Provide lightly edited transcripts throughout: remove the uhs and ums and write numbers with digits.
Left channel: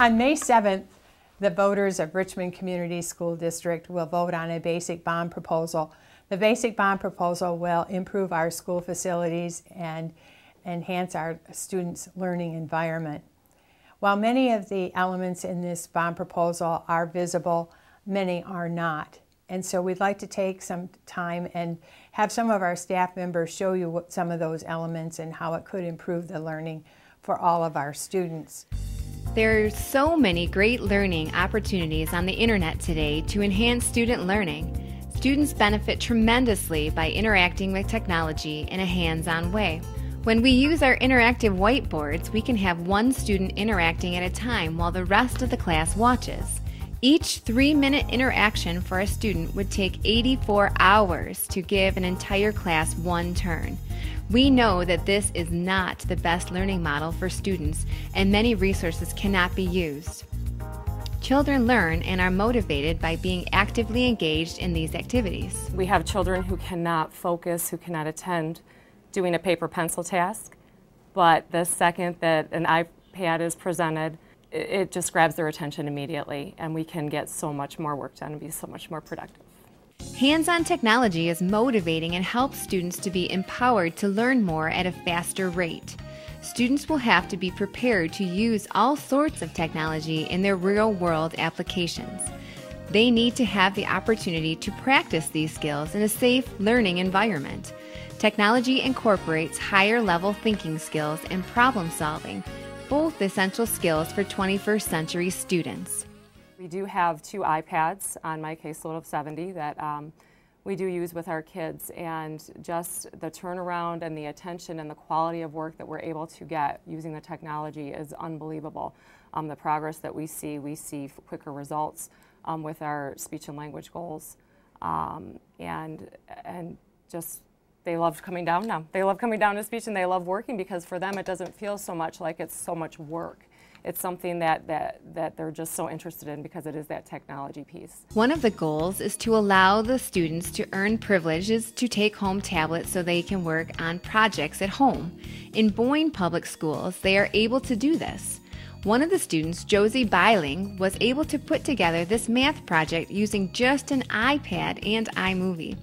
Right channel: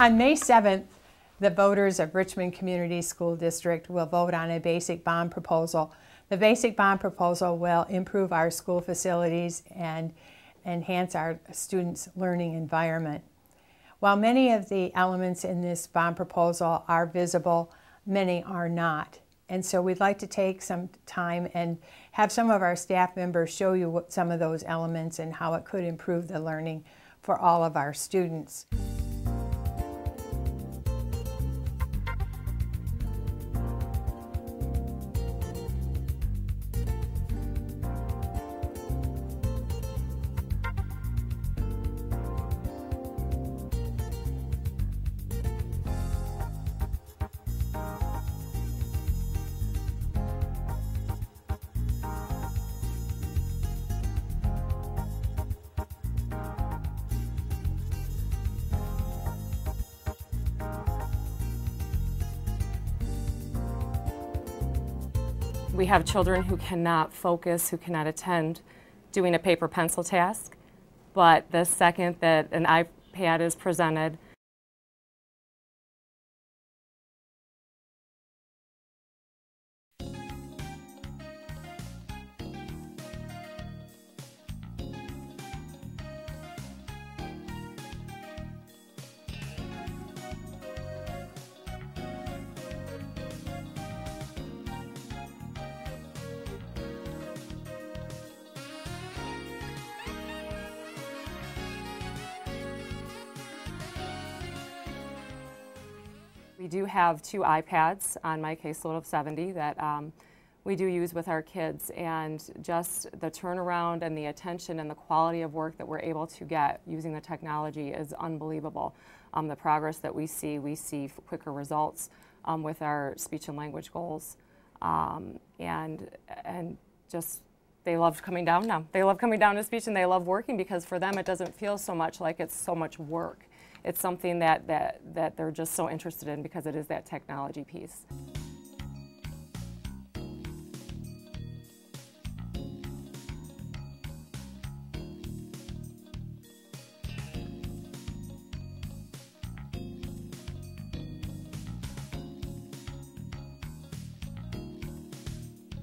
On May 7th, the voters of Richmond Community School District will vote on a basic bond proposal. The basic bond proposal will improve our school facilities and enhance our students' learning environment. While many of the elements in this bond proposal are visible, many are not. And so we'd like to take some time and have some of our staff members show you what some of those elements and how it could improve the learning for all of our students. There are so many great learning opportunities on the internet today to enhance student learning. Students benefit tremendously by interacting with technology in a hands-on way. When we use our interactive whiteboards, we can have one student interacting at a time while the rest of the class watches. Each 3-minute interaction for a student would take 84 hours to give an entire class one turn. We know that this is not the best learning model for students, and many resources cannot be used. Children learn and are motivated by being actively engaged in these activities. We have children who cannot focus, who cannot attend doing a paper pencil task, but the second that an iPad is presented, it just grabs their attention immediately, and we can get so much more work done and be so much more productive. Hands-on technology is motivating and helps students to be empowered to learn more at a faster rate. Students will have to be prepared to use all sorts of technology in their real-world applications. They need to have the opportunity to practice these skills in a safe learning environment. Technology incorporates higher-level thinking skills and problem-solving, both essential skills for 21st century students. We do have 2 iPads on my caseload of 70 that we do use with our kids, and just the turnaround and the attention and the quality of work that we're able to get using the technology is unbelievable. The progress that we see quicker results with our speech and language goals, and just they love coming down now. They love coming down to speech, and they love working because for them it doesn't feel so much like it's so much work. It's something that they're just so interested in because it is that technology piece. One of the goals is to allow the students to earn privileges to take home tablets so they can work on projects at home. In Boyne Public Schools, they are able to do this. One of the students, Josie Biling, was able to put together this math project using just an iPad and iMovie.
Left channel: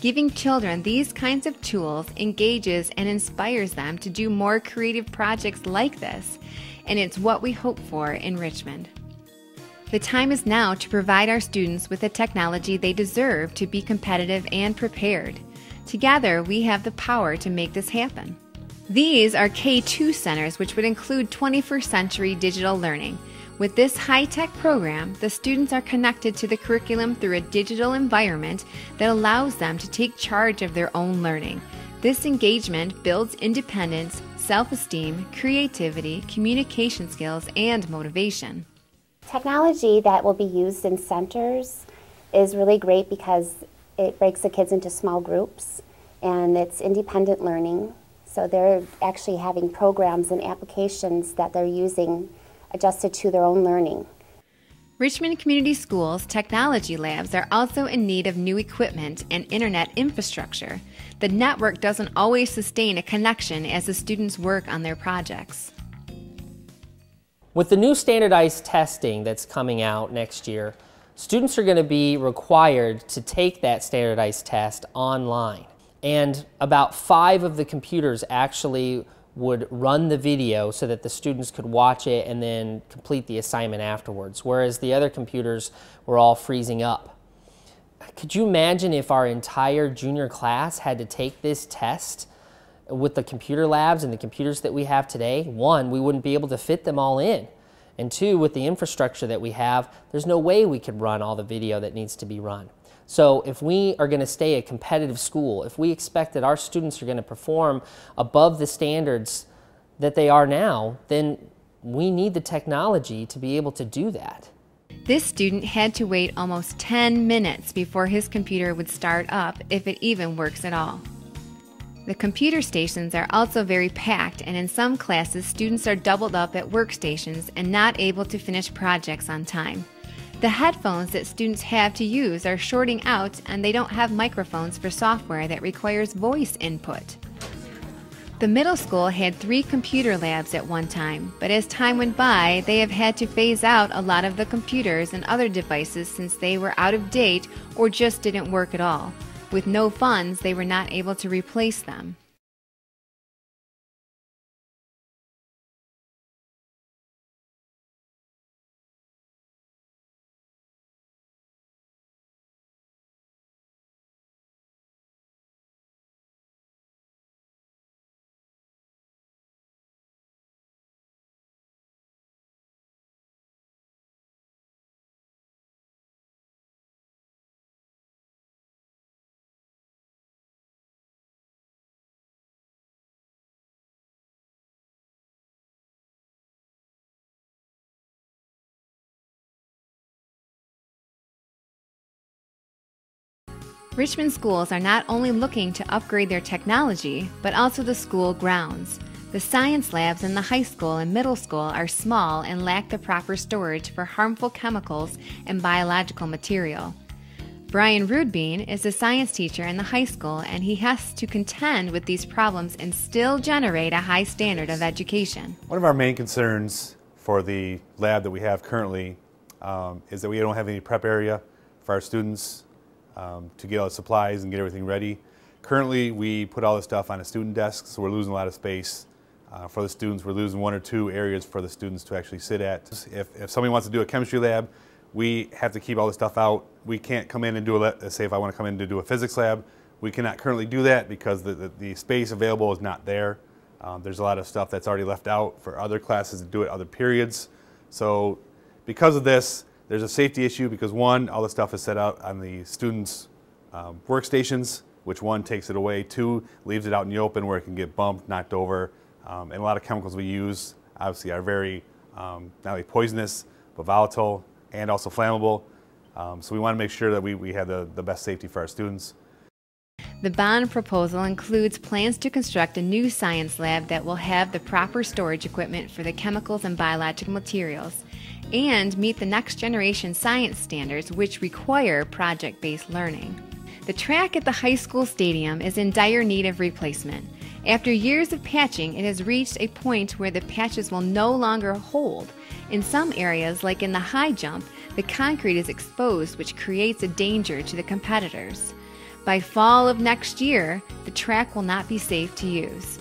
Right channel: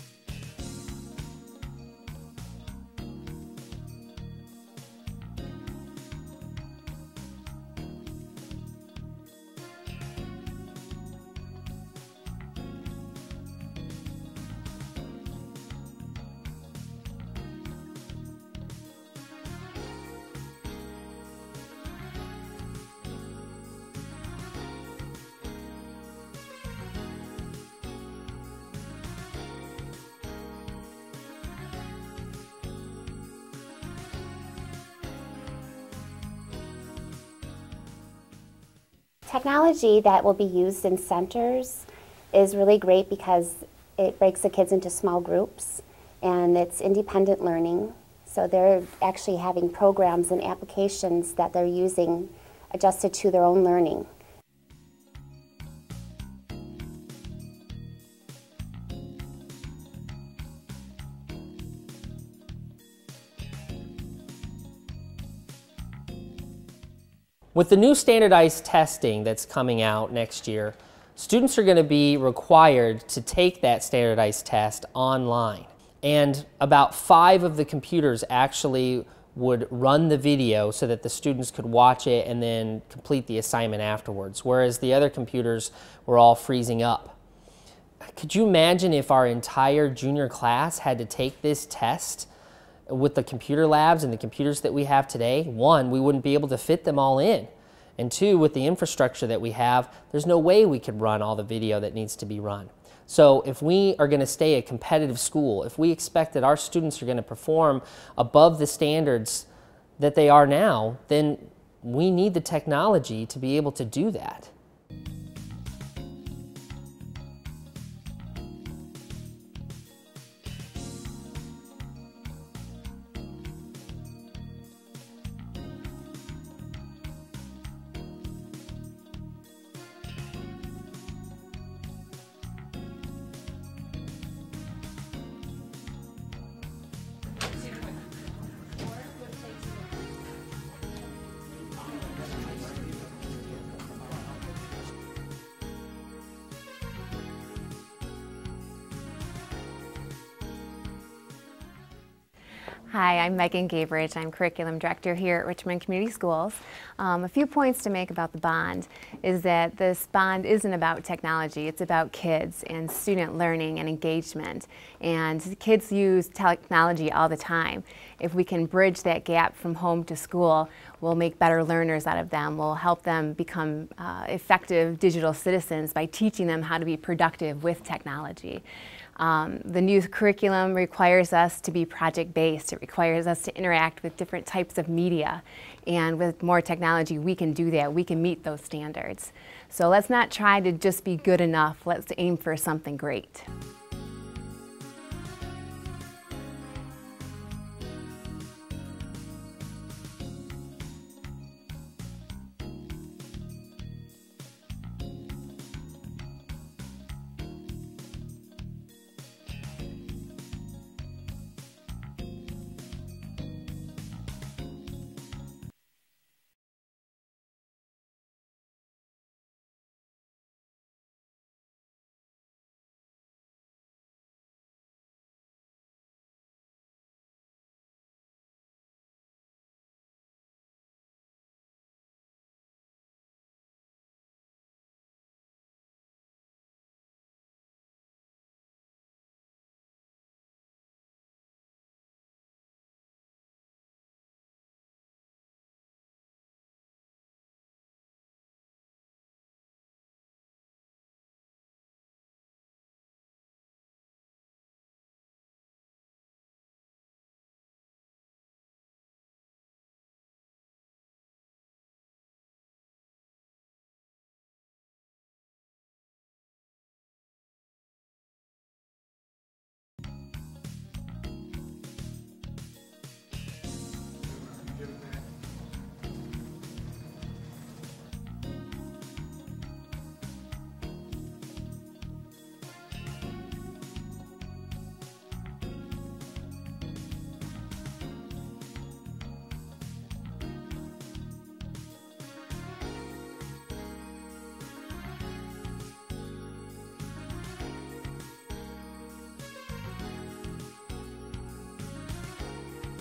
Giving children these kinds of tools engages and inspires them to do more creative projects like this, and it's what we hope for in Richmond. The time is now to provide our students with the technology they deserve to be competitive and prepared. Together, we have the power to make this happen. These are K2 centers, which would include 21st century digital learning. With this high-tech program, the students are connected to the curriculum through a digital environment that allows them to take charge of their own learning. This engagement builds independence, self-esteem, creativity, communication skills, and motivation. Technology that will be used in centers is really great because it breaks the kids into small groups, and it's independent learning. So they're actually having programs and applications that they're using adjusted to their own learning. Richmond Community Schools technology labs are also in need of new equipment and internet infrastructure. The network doesn't always sustain a connection as the students work on their projects. With the new standardized testing that's coming out next year, students are going to be required to take that standardized test online. And about 5 of the computers actually would run the video so that the students could watch it and then complete the assignment afterwards, whereas the other computers were all freezing up. Could you imagine if our entire junior class had to take this test with the computer labs and the computers that we have today? 1, we wouldn't be able to fit them all in. And 2, with the infrastructure that we have, there's no way we could run all the video that needs to be run. So if we are going to stay a competitive school, if we expect that our students are going to perform above the standards that they are now, then we need the technology to be able to do that. This student had to wait almost 10 minutes before his computer would start up, if it even works at all. The computer stations are also very packed, and in some classes, students are doubled up at workstations and not able to finish projects on time. The headphones that students have to use are shorting out, and they don't have microphones for software that requires voice input. The middle school had 3 computer labs at one time, but as time went by, they have had to phase out a lot of the computers and other devices since they were out of date or just didn't work at all. With no funds, they were not able to replace them. Hi, I'm Megan Gabridge. I'm Curriculum Director here at Richmond Community Schools. A few points to make about the bond is that this bond isn't about technology, it's about kids and student learning and engagement. And kids use technology all the time. If we can bridge that gap from home to school, we'll make better learners out of them. We'll help them become effective digital citizens by teaching them how to be productive with technology. The new curriculum requires us to be project-based. It requires us to interact with different types of media. And with more technology, we can do that. We can meet those standards. So let's not try to just be good enough. Let's aim for something great. Richmond schools are not only looking to upgrade their technology, but also the school grounds. The science labs in the high school and middle school are small and lack the proper storage for harmful chemicals and biological material. Brian Rudbean is a science teacher in the high school, and he has to contend with these problems and still generate a high standard of education. One of our main concerns for the lab that we have currently is that we don't have any prep area for our students to get all the supplies and get everything ready. Currently, we put all the stuff on a student desk, so we're losing a lot of space for the students. We're losing 1 or 2 areas for the students to actually sit at. If somebody wants to do a chemistry lab, we have to keep all the stuff out. We can't come in and do say if I want to come in to do a physics lab, we cannot currently do that because the space available is not there. There's a lot of stuff that's already left out for other classes to do at other periods. So because of this, there's a safety issue because 1, all the stuff is set out on the students' workstations, which 1, takes it away, 2, leaves it out in the open where it can get bumped, knocked over. And a lot of chemicals we use obviously are very not only poisonous, but volatile and also flammable. So we want to make sure that we have the best safety for our students. The bond proposal includes plans to construct a new science lab that will have the proper storage equipment for the chemicals and biological materials and meet the next generation science standards, which require project-based learning. The track at the high school stadium is in dire need of replacement. After years of patching, it has reached a point where the patches will no longer hold. In some areas, like in the high jump, the concrete is exposed, which creates a danger to the competitors. By fall of next year, the track will not be safe to use.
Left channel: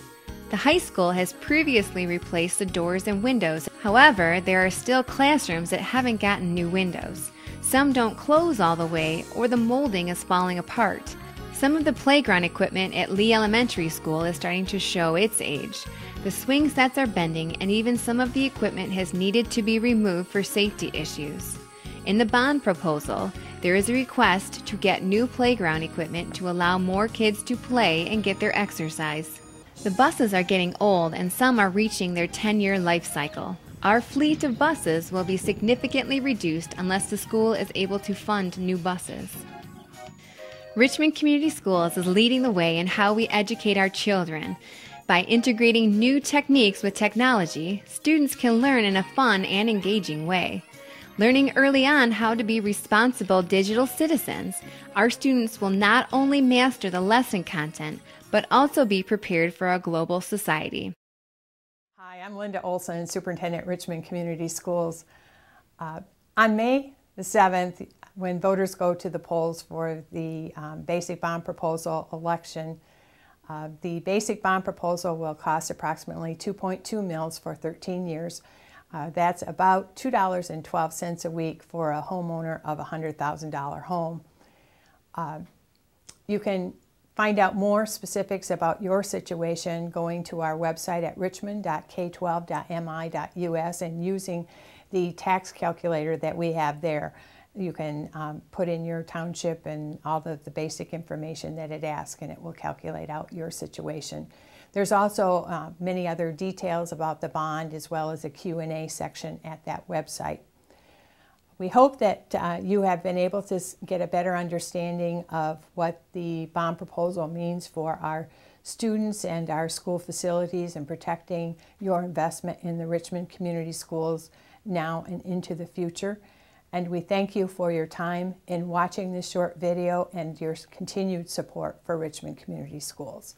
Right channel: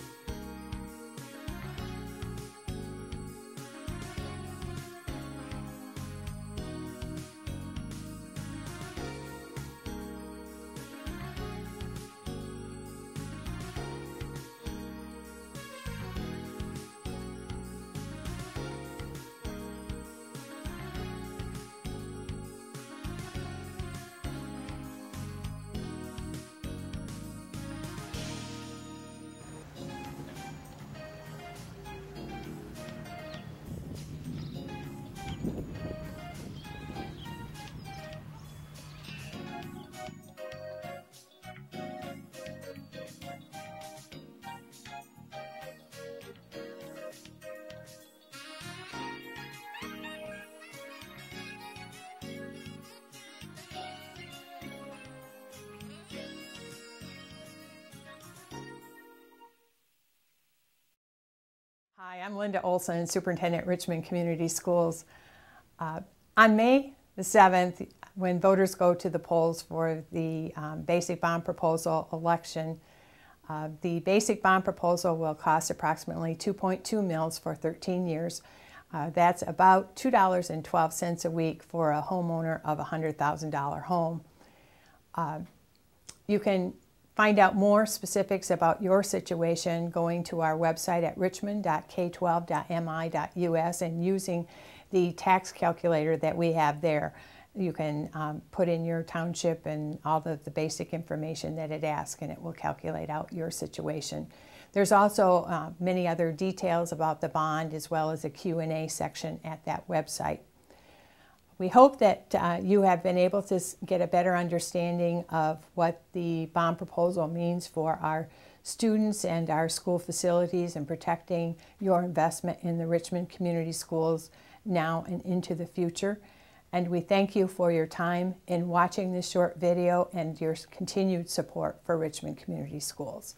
The high school has previously replaced the doors and windows. However, there are still classrooms that haven't gotten new windows. Some don't close all the way, or the molding is falling apart. Some of the playground equipment at Lee Elementary School is starting to show its age. The swing sets are bending, and even some of the equipment has needed to be removed for safety issues. In the bond proposal, there is a request to get new playground equipment to allow more kids to play and get their exercise. The buses are getting old, and some are reaching their 10-year life cycle. Our fleet of buses will be significantly reduced unless the school is able to fund new buses. Richmond Community Schools is leading the way in how we educate our children. By integrating new techniques with technology, students can learn in a fun and engaging way. Learning early on how to be responsible digital citizens, our students will not only master the lesson content, but also be prepared for a global society. Hi, I'm Linda Olson, Superintendent at Richmond Community Schools. On May the 7th, when voters go to the polls for the basic bond proposal election, the basic bond proposal will cost approximately $2.2 million for 13 years. That's about $2.12 a week for a homeowner of a $100,000 home. You can find out more specifics about your situation going to our website at richmond.k12.mi.us and using the tax calculator that we have there. You can put in your township and all the basic information that it asks, and it will calculate out your situation. There's also many other details about the bond, as well as a Q&A section at that website. We hope that you have been able to get a better understanding of what the bond proposal means for our students and our school facilities and protecting your investment in the Richmond Community Schools now and into the future. And we thank you for your time in watching this short video and your continued support for Richmond Community Schools.